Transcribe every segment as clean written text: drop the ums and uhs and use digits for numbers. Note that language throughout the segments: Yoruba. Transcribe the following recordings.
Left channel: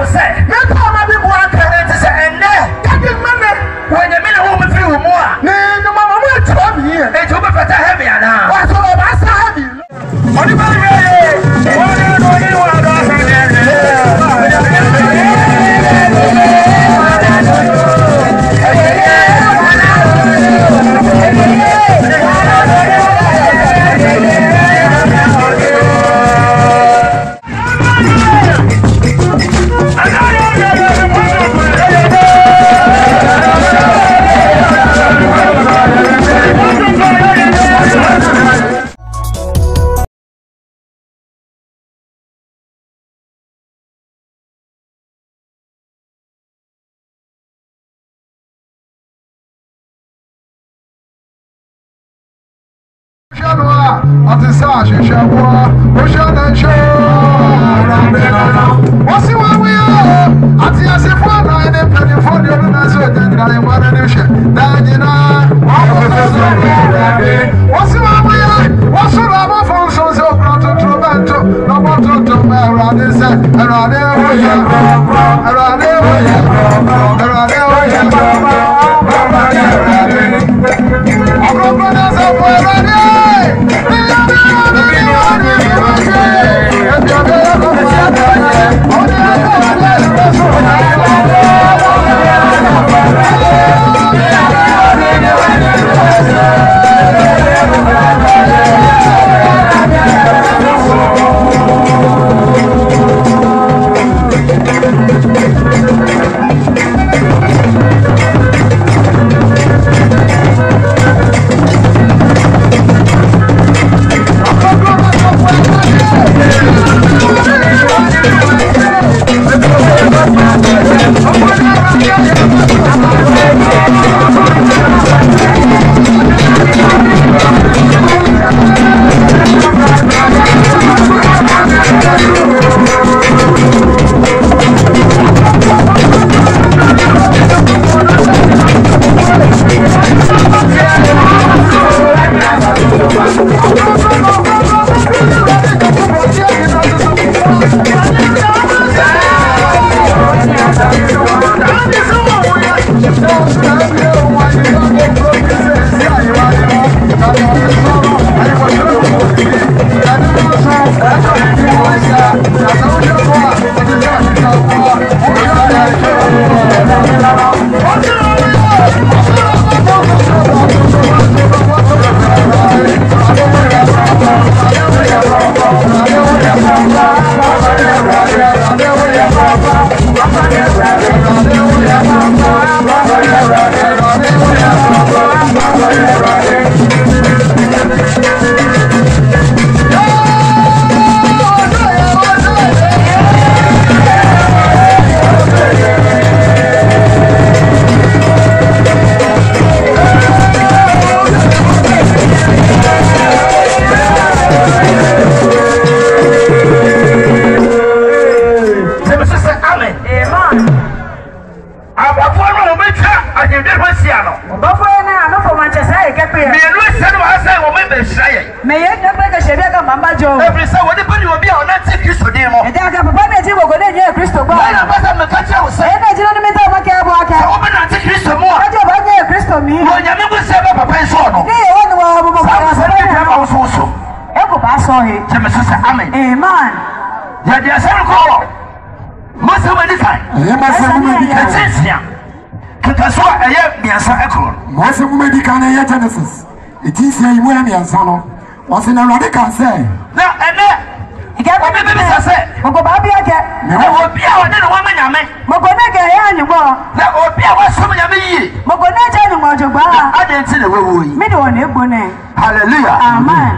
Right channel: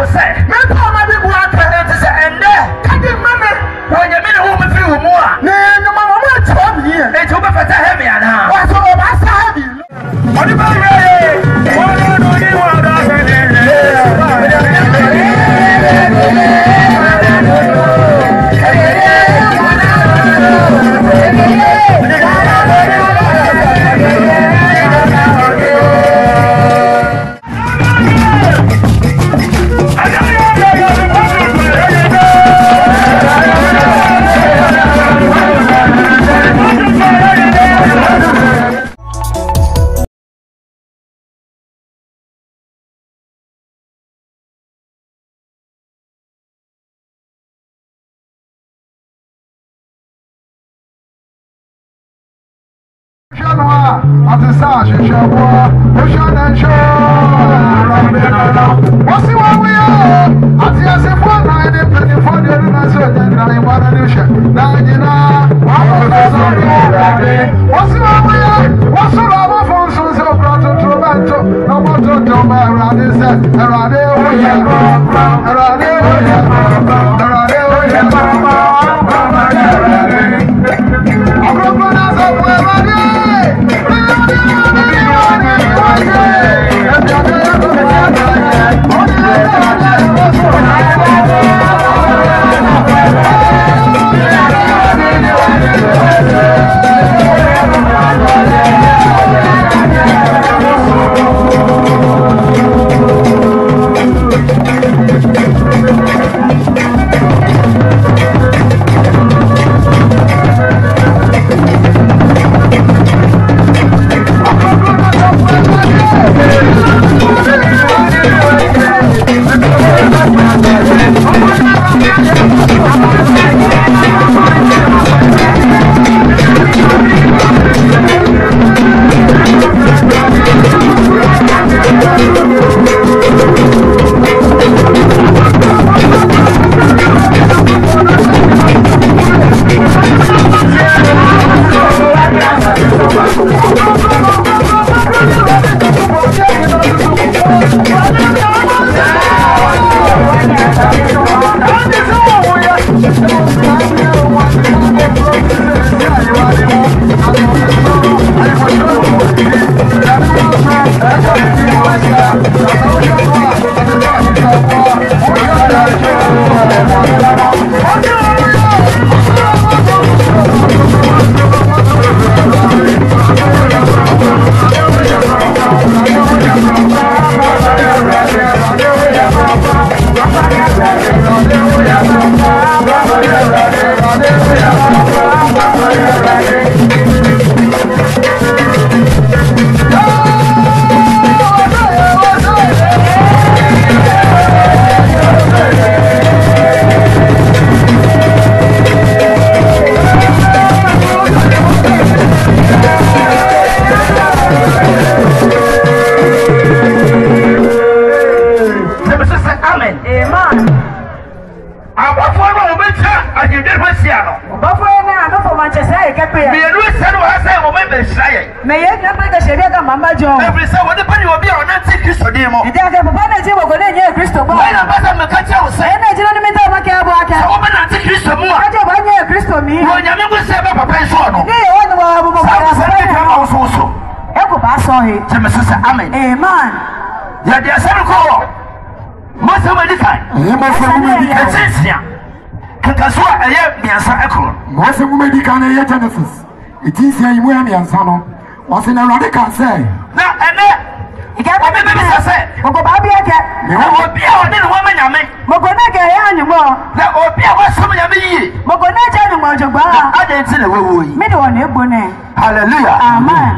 will say, Meta Madi Buaka, and say, and there, cutting money when the men who will feel more. No, Mamma, tell me, it will be better heavy now. What's all of us heavy? What do Genesis. It is here you and Sano. Was in a radical say. He got a baby. I said, Mobabi, I get Mobia, and then a woman, I mean, Mobonaga, and more. That would be our summer. Mobonaga, and Mojaba. I didn't see the way. Middle one, hallelujah. Amen.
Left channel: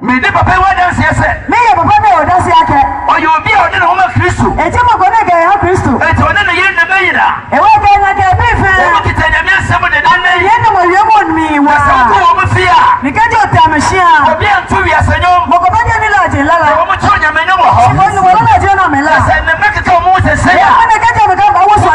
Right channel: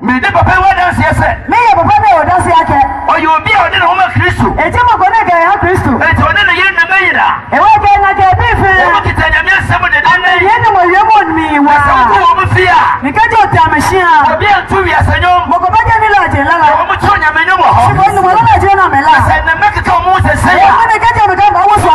May the papa dance, yes, sir. May a papa dance, or you will be out in Homer Christo. A Timber Bonaga, Christo. And to another year, the Maida. And what can I get? Me was over fear. Because of machine, I'll be 2 years ago. Mokobaja Milati, Lala, Omotonia Menoma, and the medical Moses say, when I get on the gun, I was one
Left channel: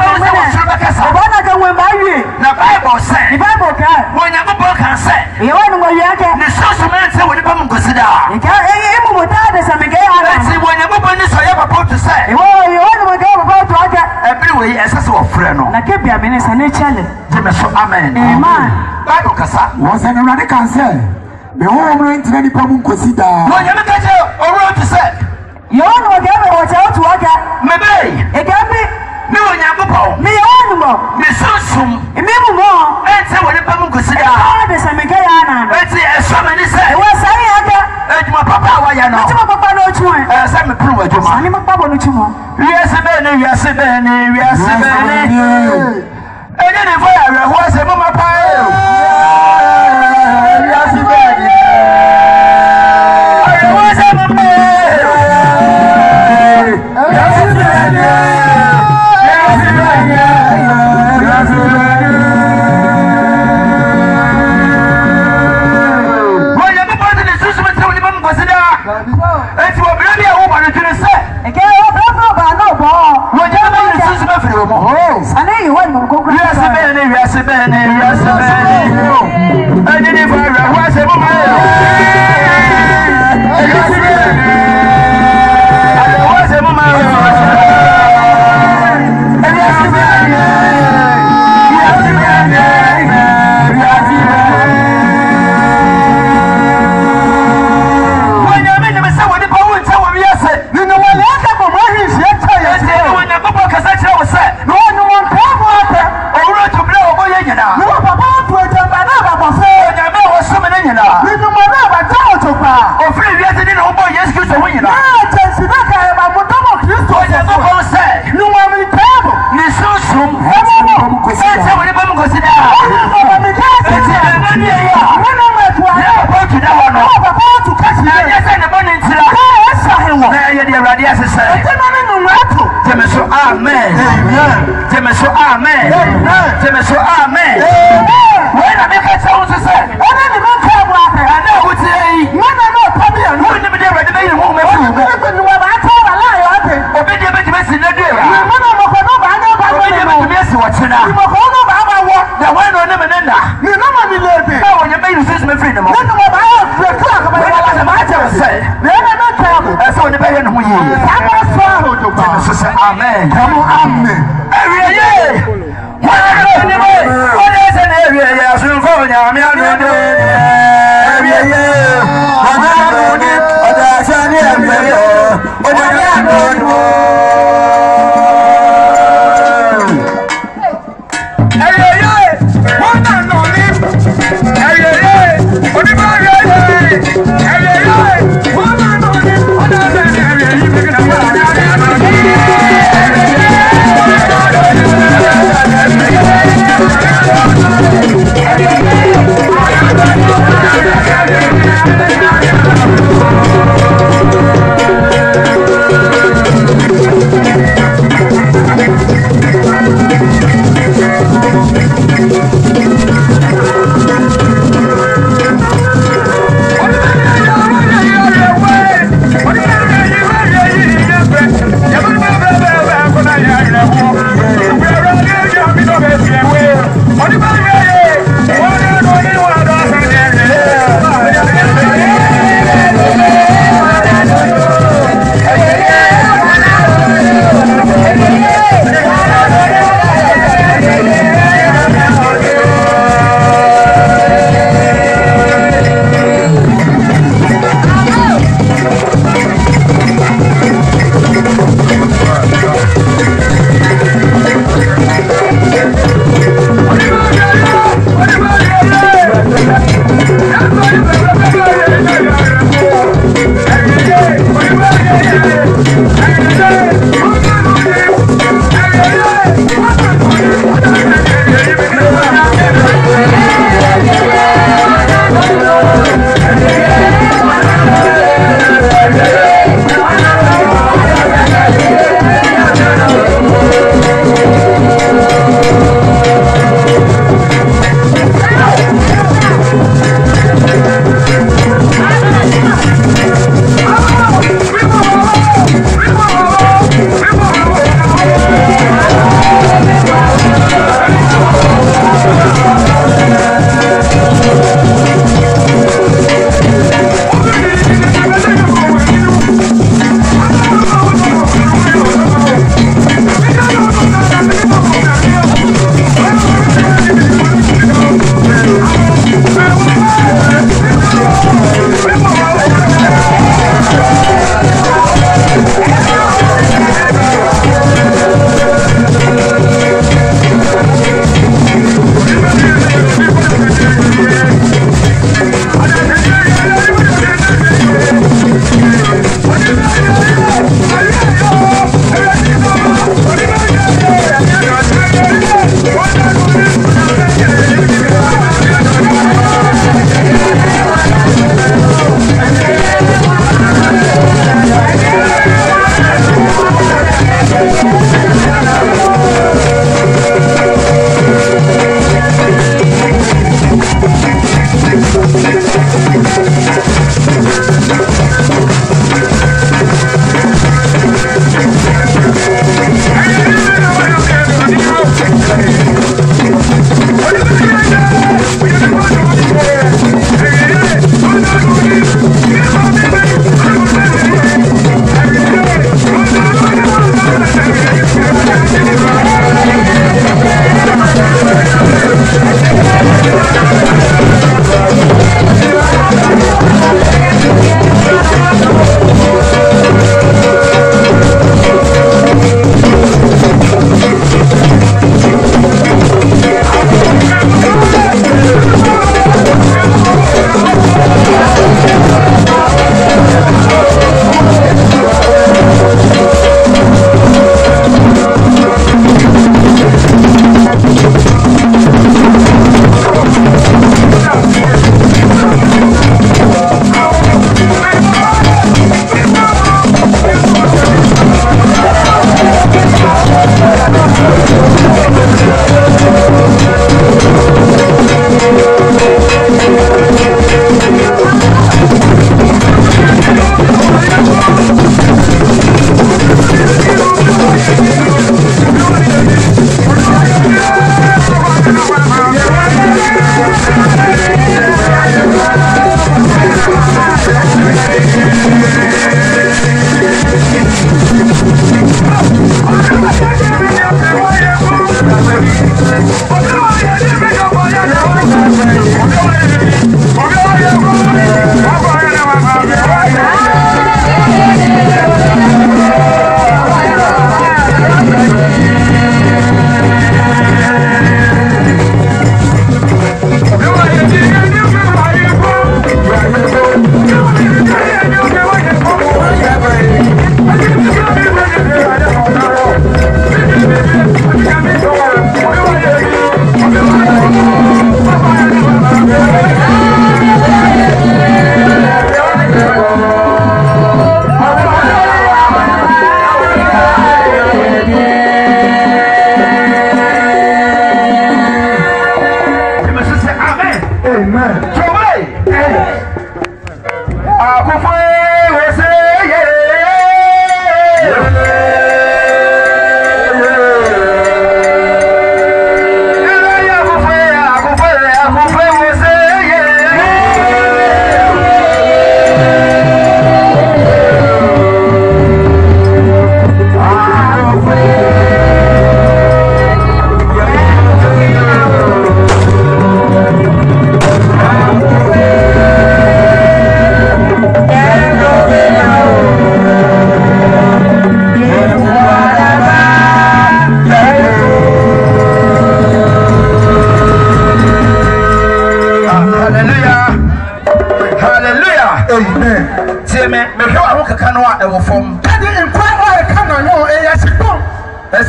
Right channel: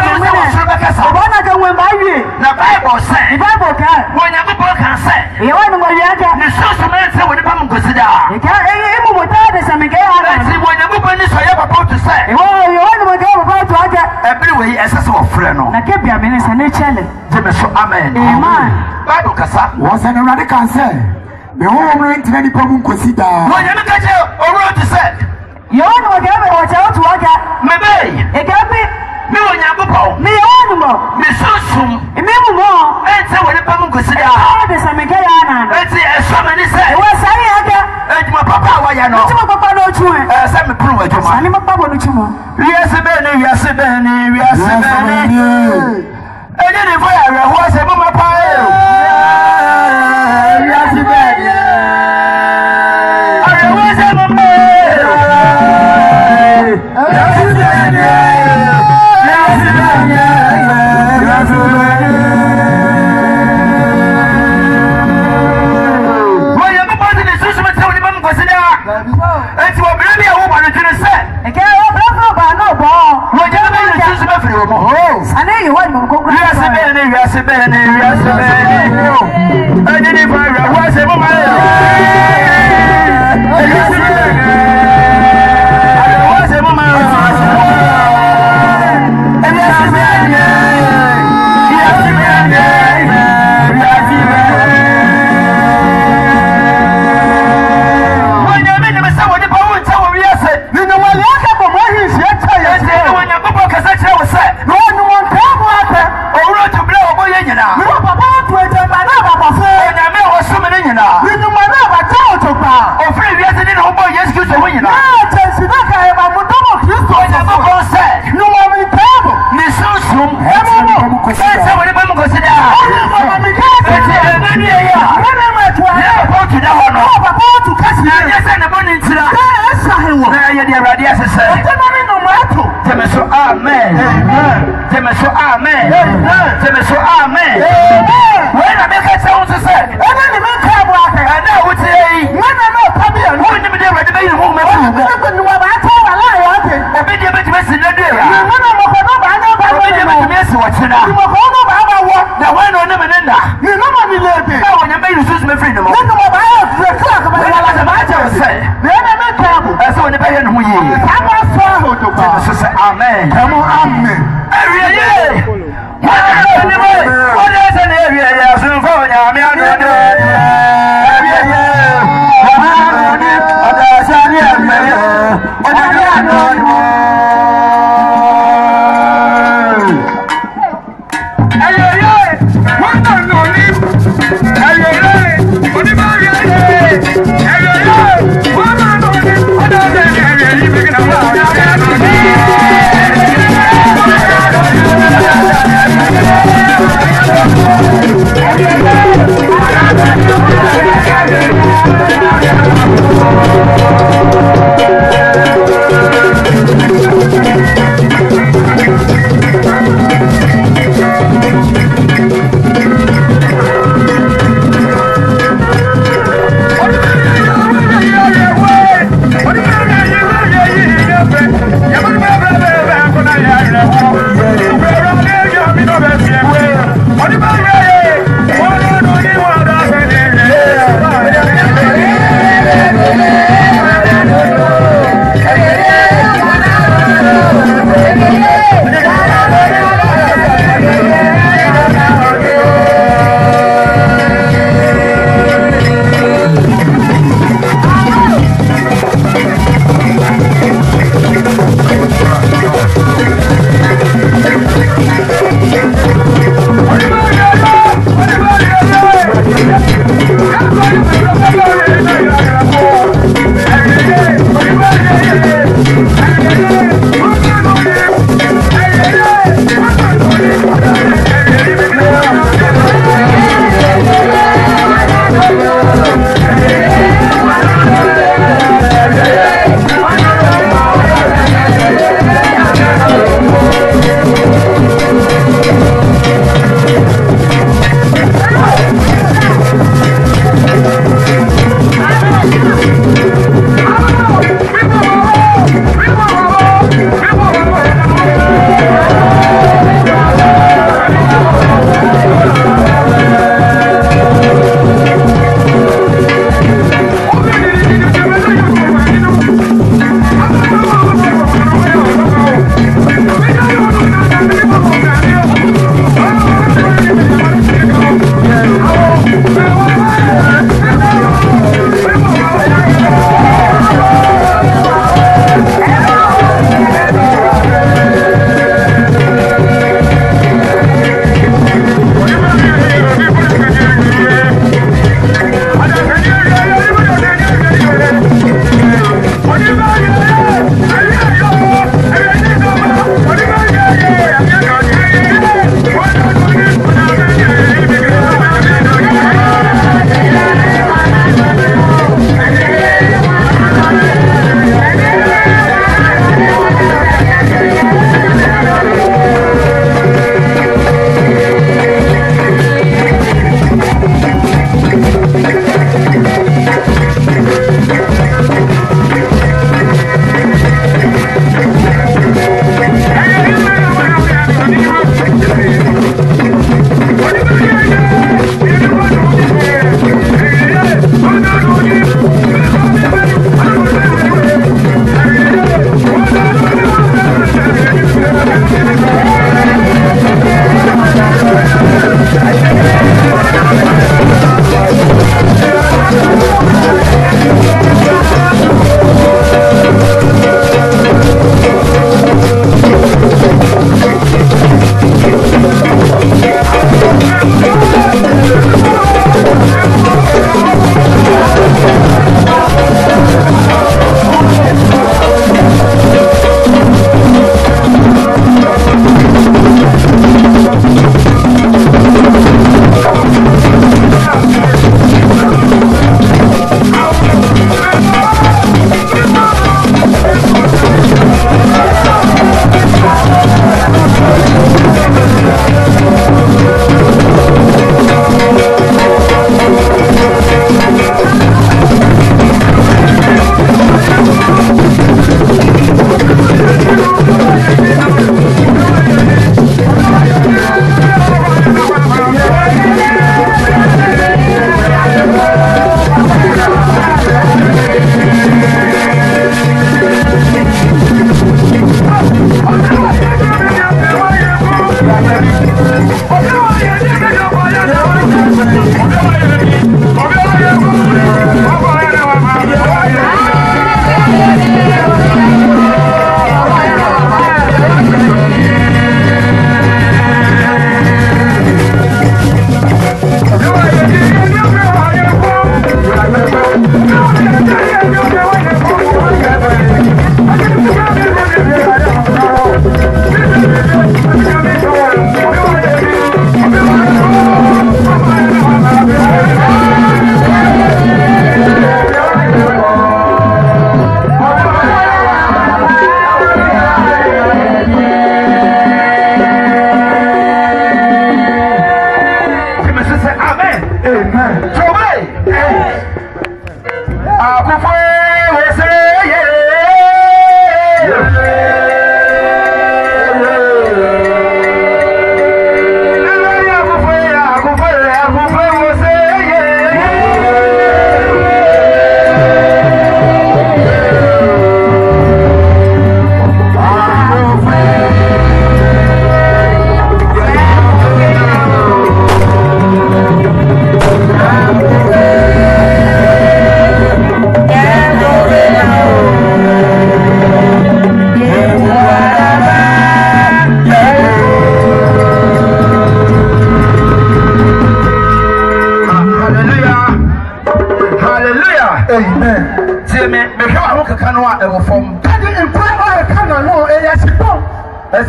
of them will marry. The Bible said, the Bible can, when a book can say, you want to go yet, the social man said, when you come consider. You can't even without this, and again, I see when you move on this, I have a boat to say, you want to go. pia minister naturally. Jemeso amen. Amen. Bible kasa. Was an radical say. The whole ring to any problem consider. No, you make a road to say. You know what you watch out to work at. Maybe. It can be. No, Yago. Me animal. Me so. Maybe more. And so what the problem consider. There's a Mekayana. Let's see, as so many say. What's I my papa, why you know? Papa, no children. As I'm a proof of you. I'm a papa, no children. Yes, Benny, yes, Benny, yes, Benny. And then if I was a mama pie. Yes, Benny. I was a mama. Yes, Benny. Yes, Benny. Yes, Benny. Well, you're about to the system of the mom was there. It's what really I hope I didn't say. Again, no, no. Well, you're the system of the home. I know you want to go. Yes, Benny, yes, Benny, yes, Benny. I didn't find a was a mama. Yes, Benny. I was a mama. Yes, Benny. Yes, Benny. Yes, Benny. When you're in the same way, the power and tower, yes, you know what? I have a way he's yet. Yes, when you're going to say, no one can happen. Or to blow away, you know. No, Papa, when I met was so many, you know. You know, my mother, don't you, Pa? Or 3 years, I didn't know about yes, you know. No, I'm in trouble. Listen, that's how I'm going to sit down. Amen. Come on, amen. Every year. What is an area? Yes, and for every year. Every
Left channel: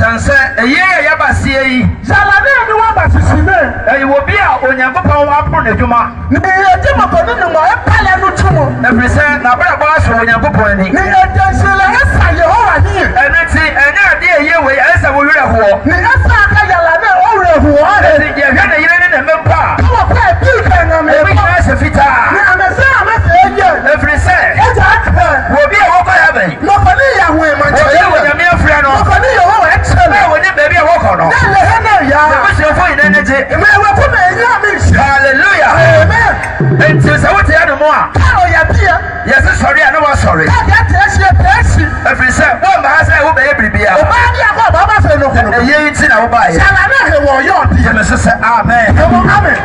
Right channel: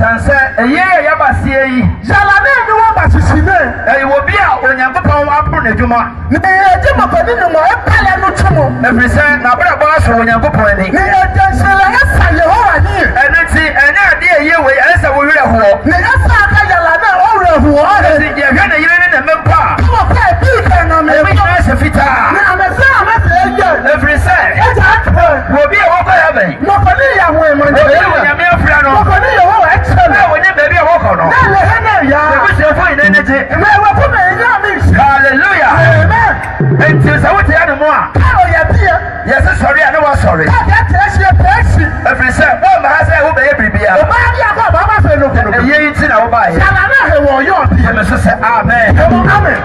sanse eye ya basie yi Jalane ni wa basisine. wo bi a onyankopɔn apro n'adwuma Ni eje mokoni ni mo epele no tumo. efrise na bra ba so onyankopɔn ni Ni ejansela esa Yehova ni. ene ti ene ade eye we esa wo werɛ ho Ni esa aka Jalane o rehu o. ene je hwɛ ne yire ne na mempa Ko pe bi kan na me. ebi na se fita Ni amese amese eye. efrise Eja akpe. wo bi a wo kɔ ya bɛn Mokoni ya hu e wo bi a nyame afrɛ no Mokoni Yehova echele. na wo ni baabi a wo kɔ no Na le hene ya. ebi se fo ine ne je Me we ko me enya mi. hallelujah Amen. enti sɛ wote ya no mo a Ka o ya bia. yɛse sɔre a ne wɔ sɔre Ka ya tresie presi. efrise wo ma ha sɛ wo bɛyɛ biribia O ba dia ko ba ba fe no ko no. eye nti na wo ba yɛ Jalane he wo yo bi. yɛmɛ so sɛ amen Amen.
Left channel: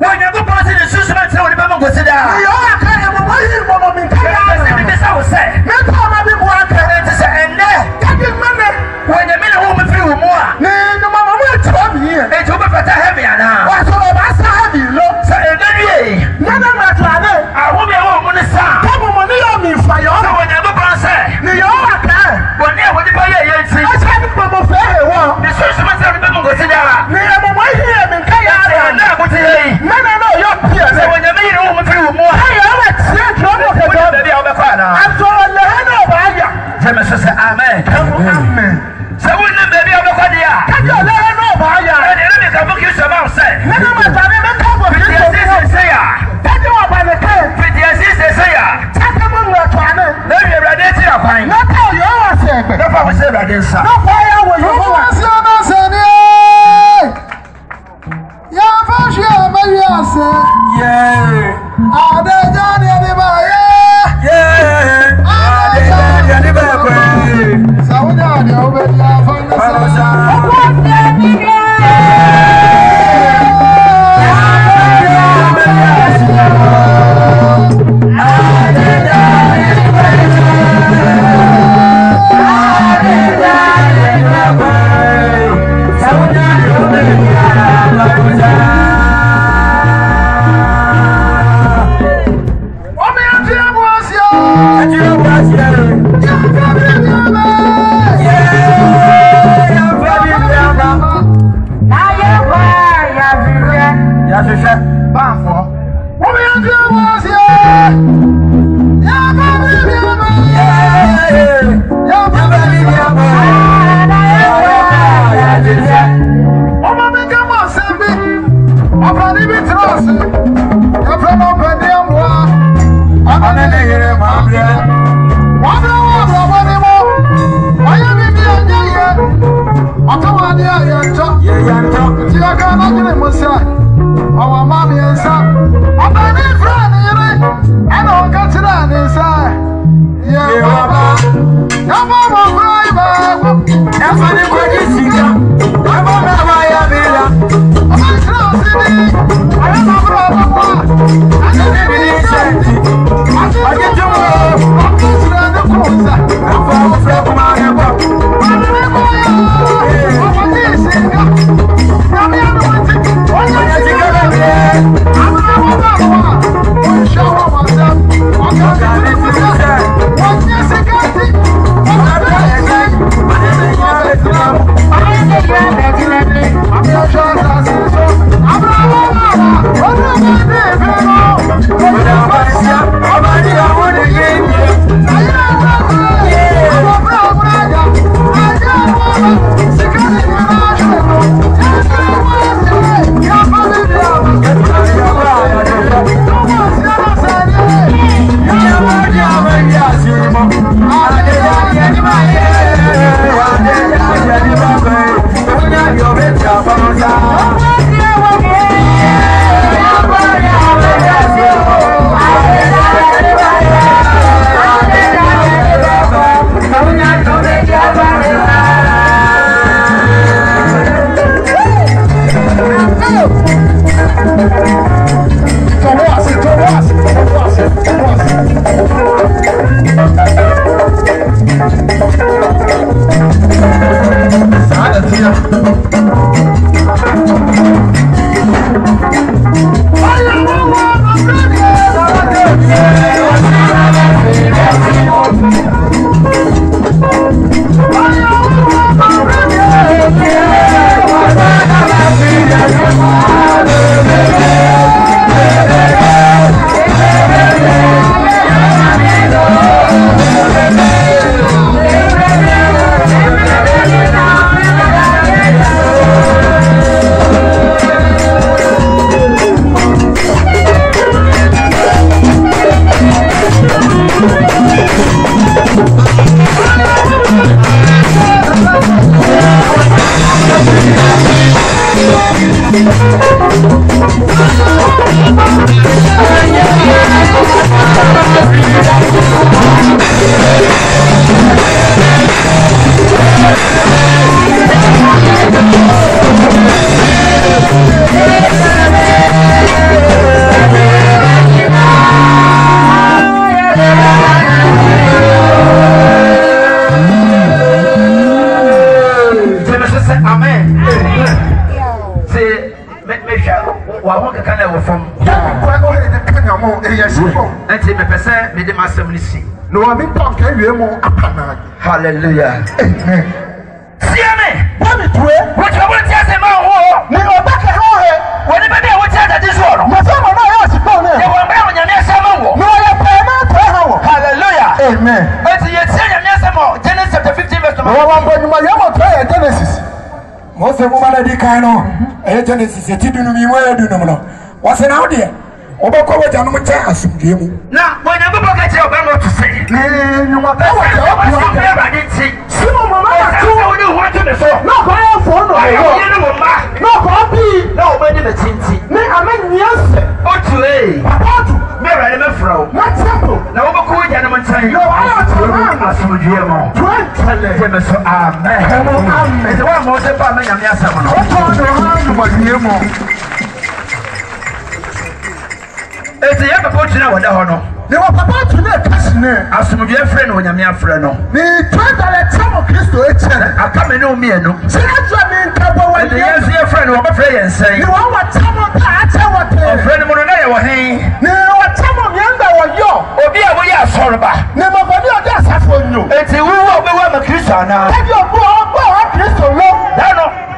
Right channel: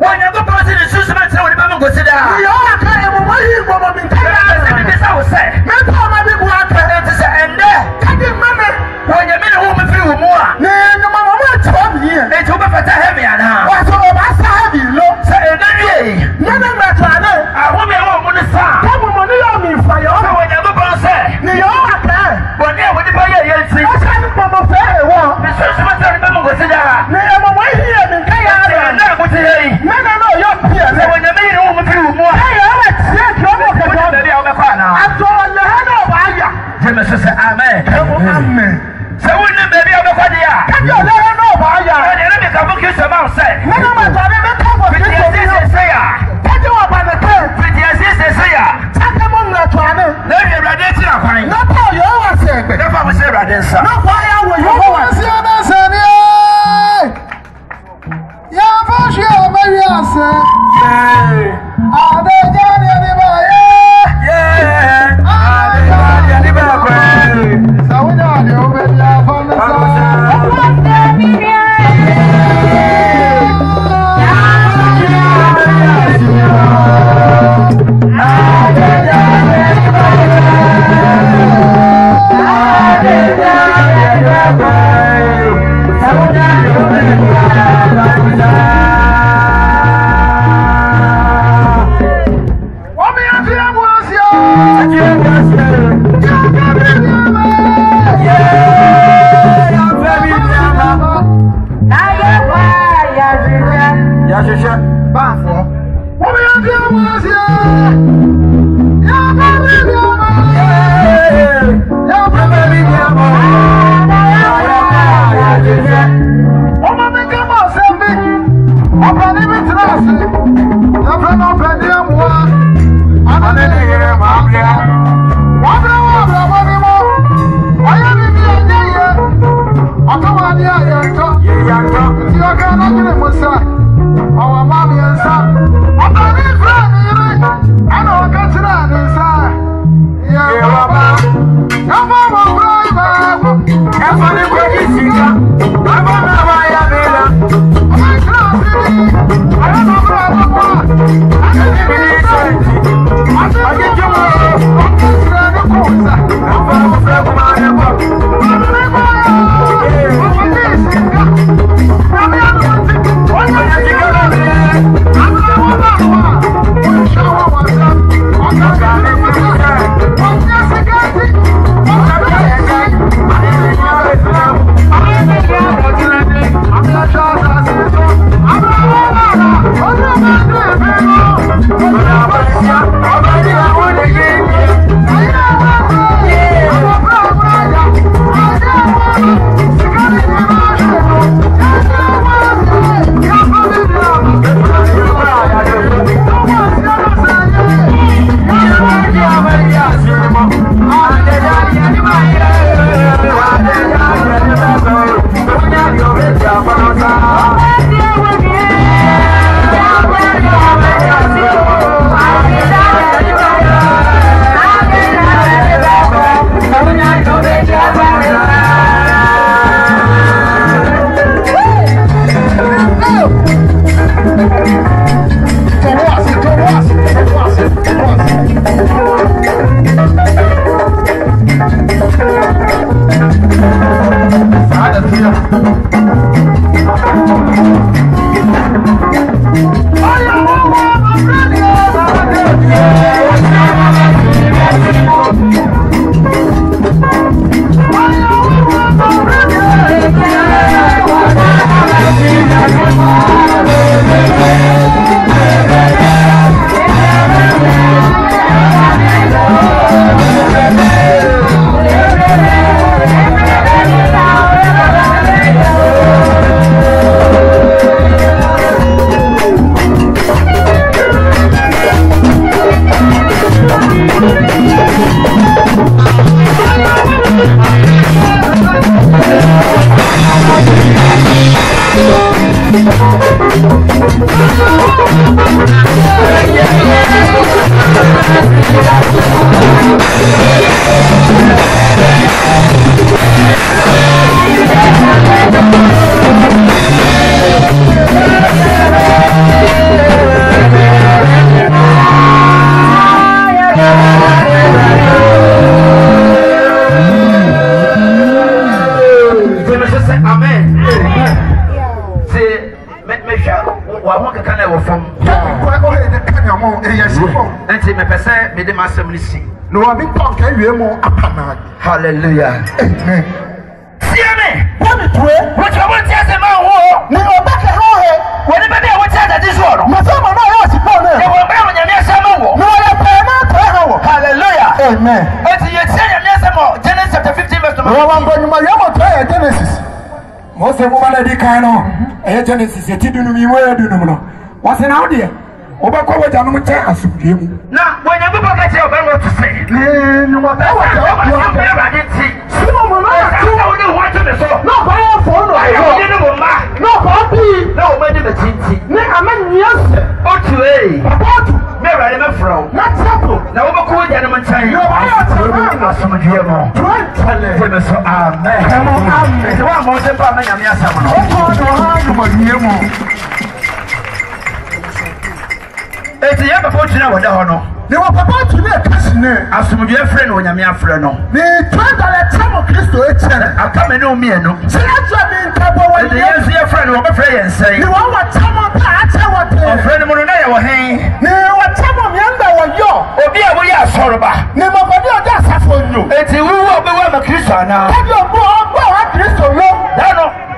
onyankopɔn se ne susuma kyerɛ wo nipa ma nkɔsi daa Yo aka e mo wahi mo mo min ka ɛsɛ ya. bibisa wo sɛ Me ta ma bi bu aka. ɛnti sɛ ɛnnɛ Kadi mame. onyame ne wo mfiri wo mu a Ni no ma mo tra bi ye. enti wobɛfata heaven anaa Wa so o ba sa bi lo. sɛ ɛnɛ wie Ne ne ma tra ne. ahome a wɔ mu ne saa Ko mo mo ni yo mi fa yo. sɛ onyankopɔn sɛ Ni yo aka. bɔne a wode bɔyɛ yɛ nti O sa ni mo mo fe he wo. ne susuma kyerɛ wo nipa ma nkɔsi daa Ni e mo wahi e min ka ya ɛnɛ ra. a mote yɛ yi Me no no yo bi. sɛ onyame yi ne wo mfiri wo mu a Hey, I'm a trick. I'm a wode trick. baabi a wobɛkɔ anaa I'm going to hell. gyeme so sɛ amen Amen. sɛ wonne baabi a wobɛkɔ deɛ a Can you let her know about you? ɛne ɛne mekafo kristo ma wo sɛ Never mind, I never come for fiti this. ɛsi sesei a Can you about the case? fiti ɛsi sesei a Take them on the planet. na ɛfi awurade atiri akwan Not how you always say. ɛfa wo sɛ awurade nsa No fire will you go and see. Yay! Yeah. Enti me pese me de masem ni si. No wa me pon kan wie mu apana. Hallelujah. Amen. See me. What me pray? What you want to say ma ho? Ni obeka ho he. When the baby what that is all. Na so ma na ya si pon E na. wo ba mo nyame asem wo. No ya pa na to ha. Hallelujah. Amen. Enti you say nyame asem Genesis chapter 15 verse 2. No wa ba ni ma ya mo to ya Genesis. Mose mo bana di kan no Genesis etidunu mi mo edunu no wase na wo de obekọ waja no che asumdue mu na when you go back to your bed to say ni mo ta wa ya simo mo na tu wo ni ho to me so na ko ya fo no ayo ni wo ma na ko bi na wo ma ni betinti ni amanyese otu patu me ra me fro na trapo na wo ko waja no ntan yo ayo na asumdue mo try me so amen amen e wa mo se pa me nyame asam no ko do ha no ba mo eti ya babo tuna wada ho no ni wo papa tuna kasine asumdue frɛ no nyame afrɛ no ni twada le tamo Kristo echere aka me no mienu se aja ni nkabo wa eti yesu ye frɛ no wo bɛfrɛ yɛn sɛn ni wo wa tamo pa acha wa te frɛ no mu no na yɛ wɔ hen ni wa tamo mienda wa yo obi a wo yɛ asɔreba ni mabadi oda asafo nyo eti wo wo be wa ma Kristo ana obi obo wa Kristo lo no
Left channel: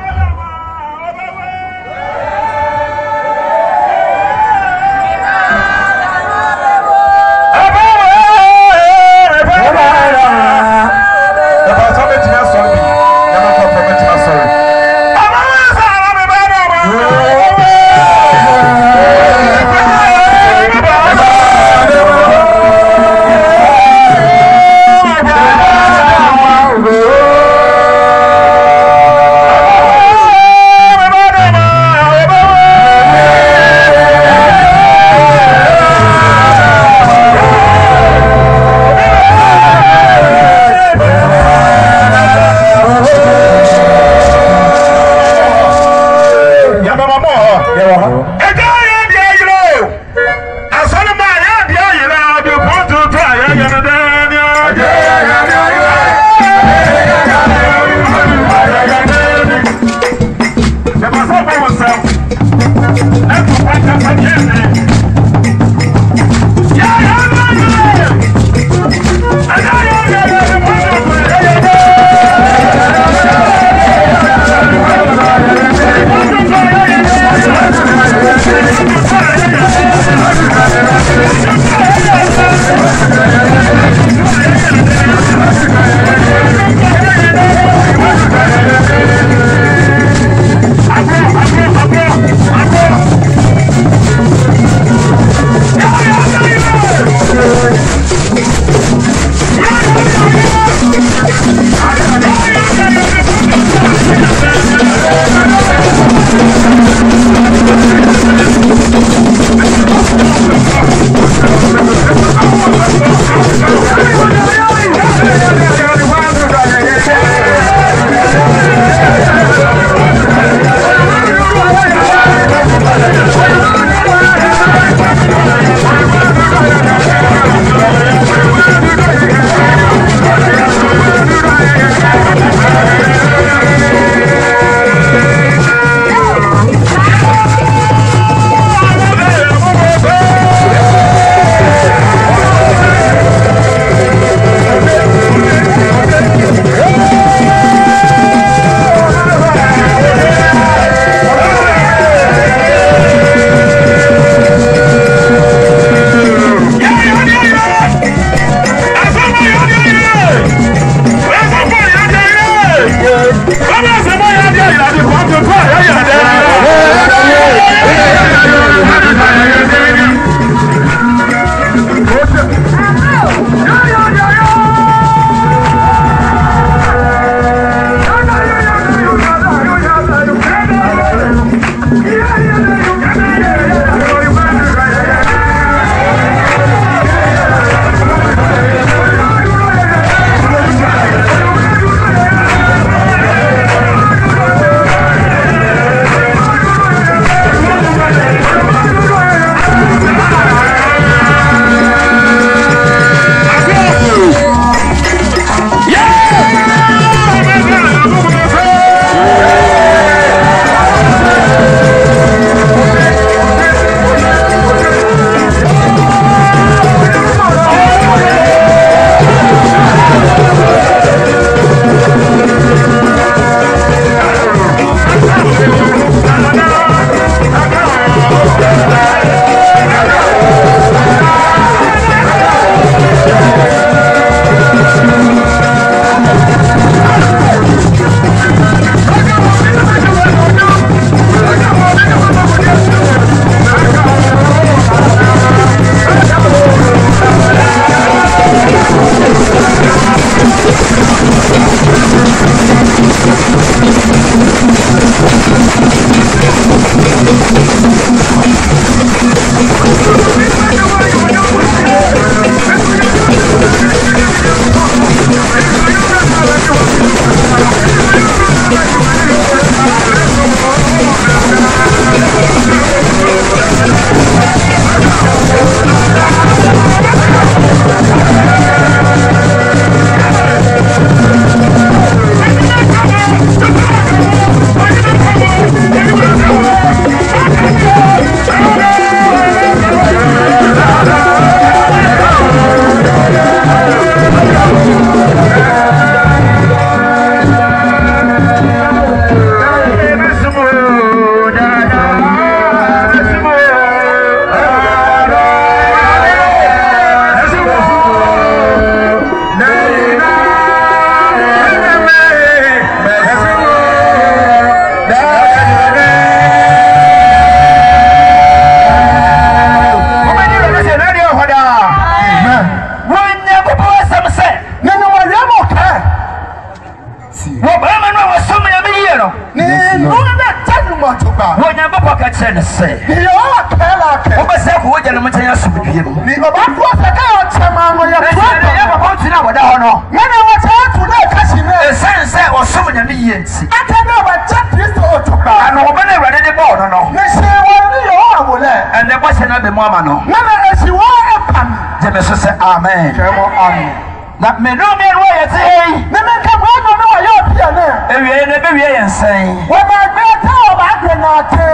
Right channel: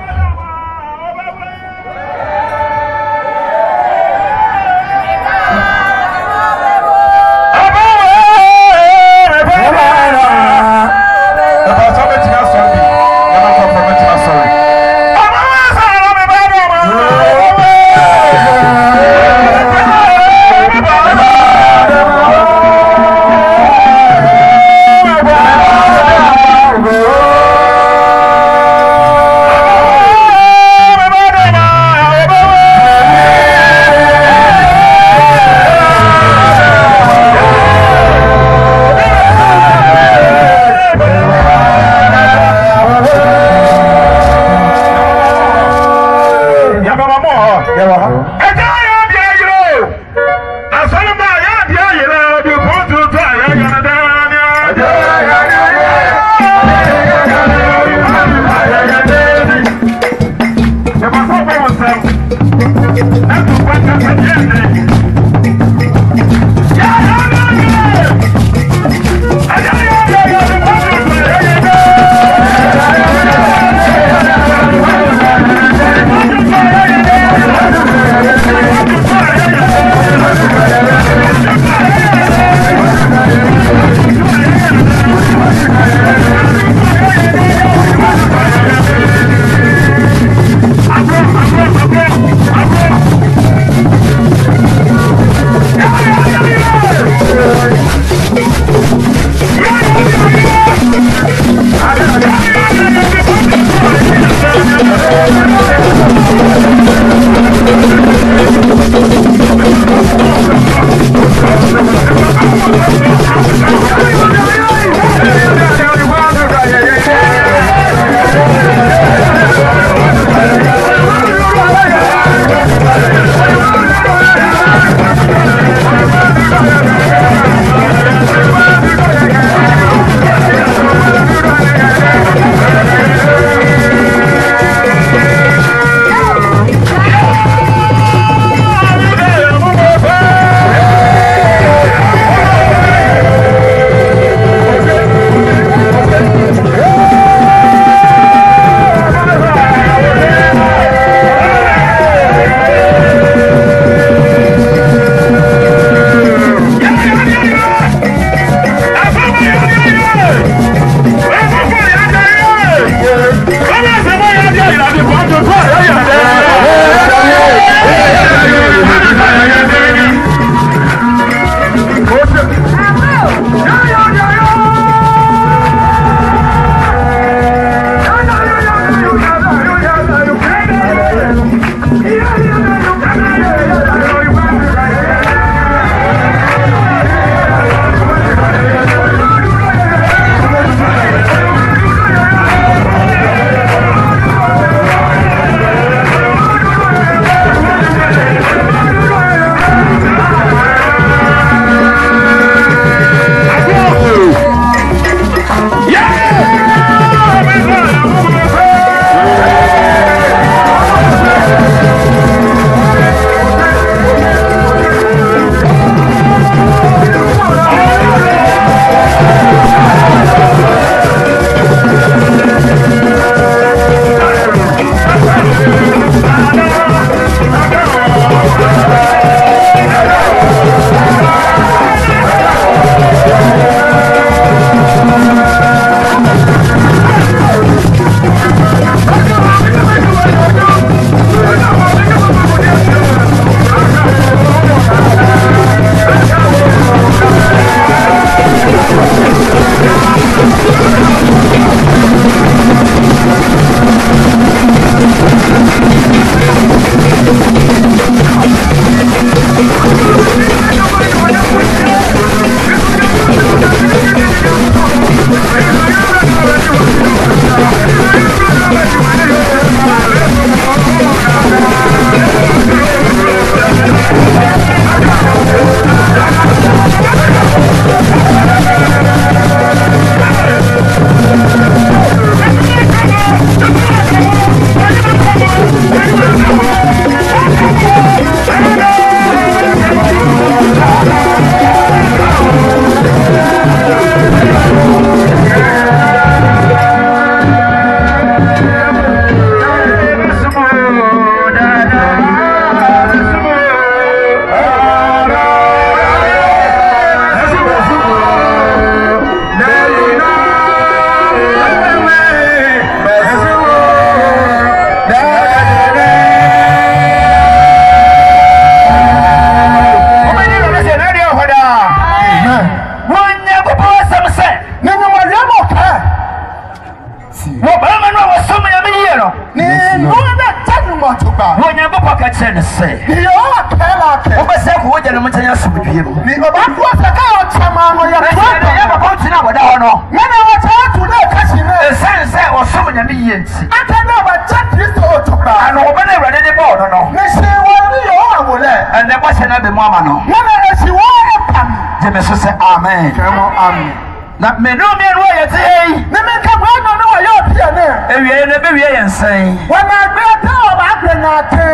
ati. Wo ba ma no wo so me me ye no. Ni no na tanu mo to ba. Wo nya bo ka che ne se. Ni yo akela ke. Wo ba se ko wo je ne mo tanya subidie mu. Ni oba ko se ka yo chama mo ya ko. Ya ba ko tina wo da ho no. Na na wo ta tu na ka si me. E sense wo so me me ye nti. Aka na ba cha Kristo o to ba. Ano wo ba na wrade de bo no no. Na se wo ni yo awole. Ene ba se na be mo ama no. Na na si wo e pam. Je me so se amen. Amen. Na me no me ro ye te ei. Ni me ka ba no no yo pia na. Ewie na be wie ye nsan. Wa ma gbe ta o ba gbe na te.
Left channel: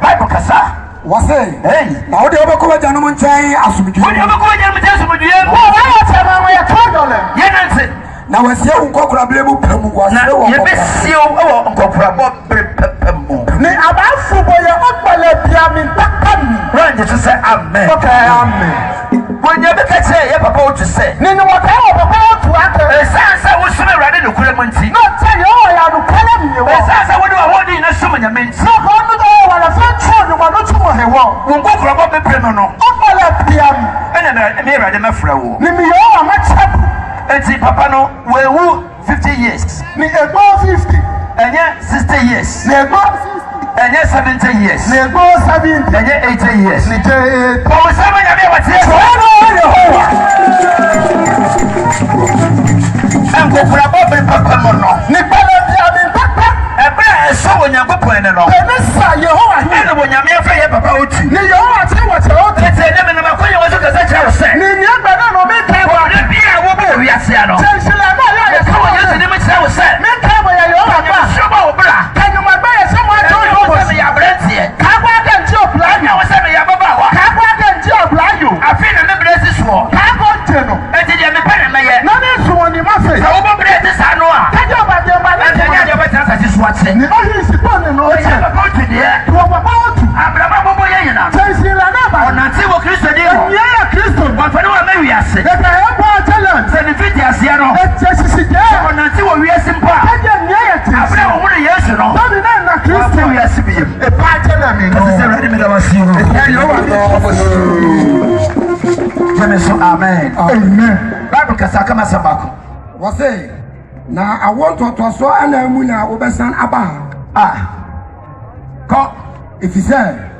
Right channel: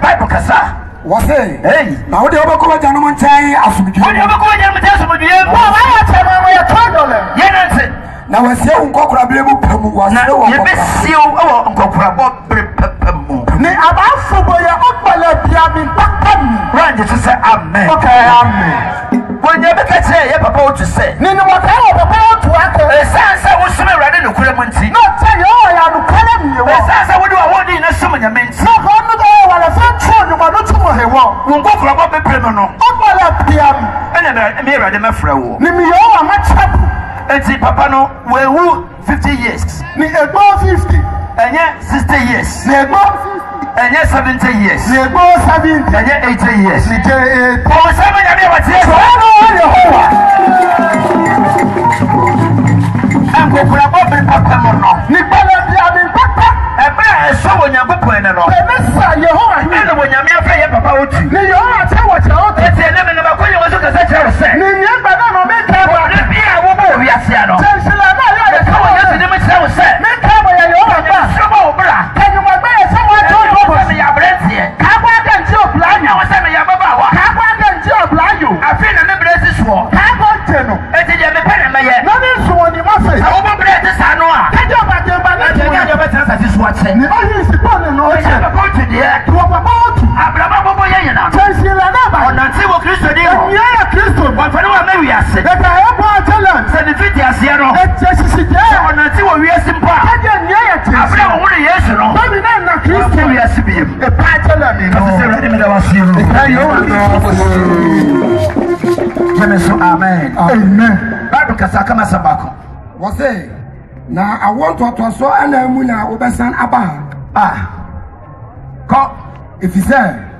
Bible kasa. Wase. Hey. Na wo de obekọ ja no mo nkyai asumdwe. Wo de obekọ ja no mo nkyai asumdwe. Wa ya chama mo ya $2. Ye na nti. Na wase hu nkokora bele mu pemu wase. Na ye be si o nkokora bo bere pemu. Ni abafu bo ya opala bia mi takam. Wa je to say amen. Okay, amen. When you be kete ye papa o to say. Ni no waka o papa o to aka. Esansa wo sume rade no kure mu nti. No tell you ya no kana mi wo. Esansa wo do awodi na sume nyame nti. No ko no do wa na fa tro no no to he wo. Wo nkokora bo be pemu no. Opala bia mi. Ene na me rade mafra wo. Ni mi yo wa ma chap. Enti papa no we wu 50 years. Ni ego 50. Enye 60 years. Ni ego 60. Enye 70 years. Ni ego 70. Enye 80 years. Ni je o sama nyame wa tie. Yehowa. Nkokora bo be papa mo no. Ni bala bia mi papa. Ebe eso wo nyagopon ne no. Ni sa Yehowa. Ene wo nyame afa ye papa oti. Ni Yehowa te wo te o te. Ete ne me no ba konye wo so kasa kire se. Ni ni gba na no mi ka Wo ne bia wo bo wi ase ano. Sila na ya ya Ko wo yesu ne me kire wo se. mi ka mo ya Yehowa ka. So ba wo bra. Ka ni ma ba ya se mo to yo bo. Me ya brentie. Ka gwa ga nti o plan Na wo se me ya baba wa. Ka gwa ga nti o plan yo. Afi na me bresi so. Ka gwa nti no. Ete je me pere me ye. Na ni so ni ma fe. Wo bo bresi sa no a. Ka je ba de ba na. Ete nya je ba ta sa si so ate. Ni o yi si pa ni no o Ete che. baba oti de. Wo ba ba o tu. Abraba bobo ye yina. Sila na ba. Onanti wo Kristo di no. Ni ya Kristo. Wa fa no wa me wi ase. E ka e bo talent. Se ni fiti ase no. E che sisi je. Onanti wo wi ase mpa. Ka je ni ya ti. Abra wo ne Yesu no. Ba ni na Wa Kristo. wi ase bi yim. E pa talent mi. Kasi se ready me da was you. Jemeso amen. Amen. Bible kasa kama sabako. Wase. Na awontoto so ana mu na obesan aba. Ko Efise.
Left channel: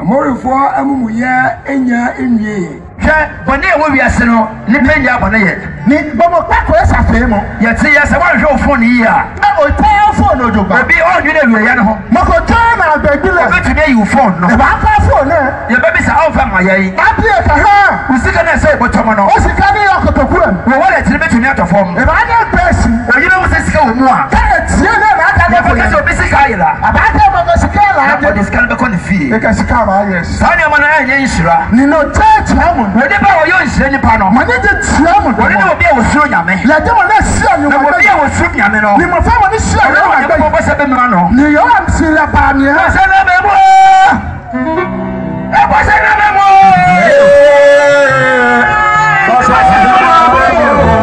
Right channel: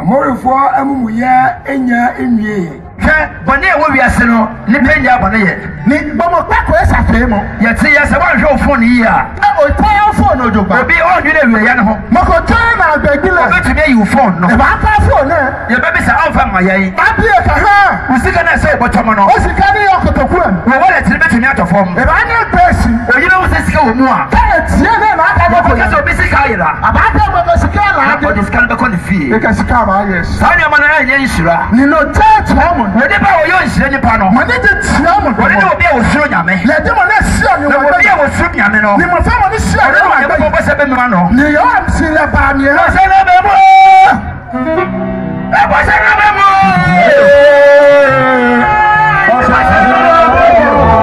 Amorefo amumuye enya enwie. hwe bone e wo wi ase no ni penya bone ye. Ni bomo pa ko esa fe mo. Ye ti ye se wa hwe ofon yi a. O ta phone ojoba. Obi o nwi na wi ye no ho. Mo ko ta na agbegile. Obi ti yi phone no. E ba pa phone na. Ye be bi sa on fa ma ye. Ba bi e ka ha. Usika na se botomo no. O sika ni okotokura. Wo wala ti be ti mi atofom. E ba ni pesi. Oyi na wo se sika wo mu a. Ta tie na na aka mo ko. Ko se obi sika ayira. Aba ta mo ko sika la. Ko dis kan be ko ni fie. E ka sika ba yes. Sa ni ma na enye nsura. Ni no church mo. We de ba wo yo nsura ni pa no. Ma ni de tia mo. We de obi e wo suro nyame. Ya de mo na sia ni Na mo. obi e wo suro nyame no. Ni mo fa mo ni sia ni mo Ko agba. bo se be mra no. Ni yo am sila ba ni. Se na be mo. E bo se na be mo. O se na be mo.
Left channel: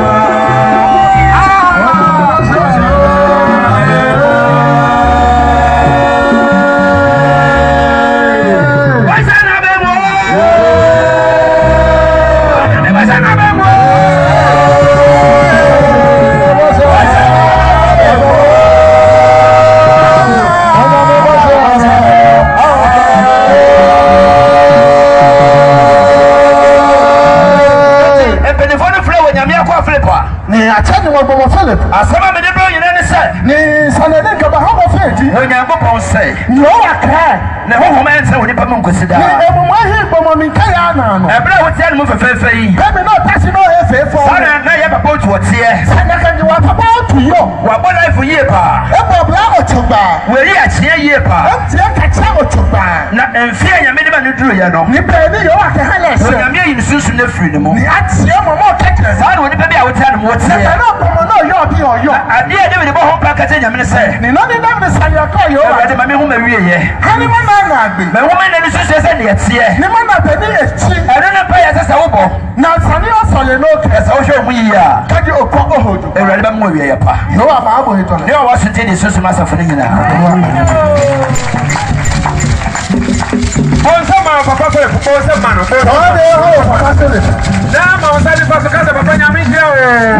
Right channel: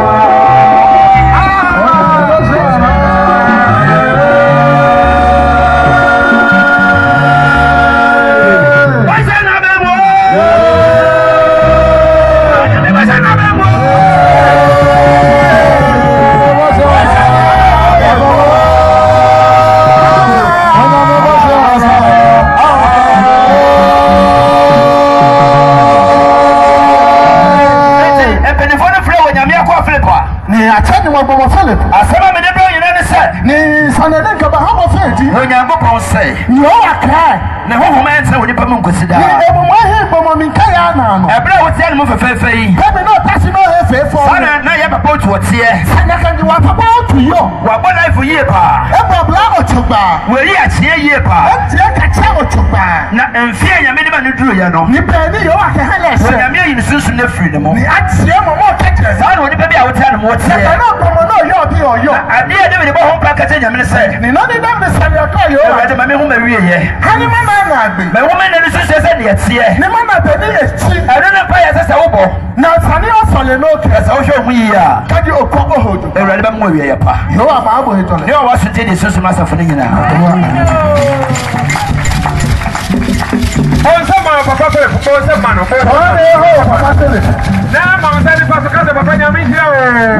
Ni atani mo bomo Philip. Asama me de bro yina ne se. Ni sanadin ka ba ha mo feti. Onyankopon se. Ni o wa kra. Na ho ho ma nse woni pa mun kosida. Ni ebo mo he bomo min ka ya na no. Ebra wo tie no fefefe yi. Ka bi no tasi no he fefo. Sana na ye papa otu otie. Sana ka ni wa papa otu yo. Wa bo life yi pa. Ebo bla otuba. We ri atie yi pa. Tie ka cha otuba. Na enfie nyame de ba ne duro ye no. Ni pa ni yo wa ka hele se. Nyame yi ne sunsun na firi ne mo. Ni atie mo mo ka kire. Sana woni pa bi a wo tie no wo tie. Na bomo no yo bi o yo. Ade de me de bo ho pa ka te nyame ne se. Ni no ni da me sanya ka yo. Ade ma me hu ma wiye ye. Hani ma na agbe. Me wo me na ni sunsun se ne ye tie. Ni ma na pe ni echi. Ade na pa ye se wo bo. Na sani o sole no ke. Se wo hwe mu yi a. Ka di okọ ohodo. Ewurade ba mu wiye ye pa. Yo ama abo he tole. Ne wa so tie de sunsun ma safo ne nyina. Onsema papa Philip, onsema no. Ode ho papa Philip. Na ma onsema papa Philip, papa nyame hia o.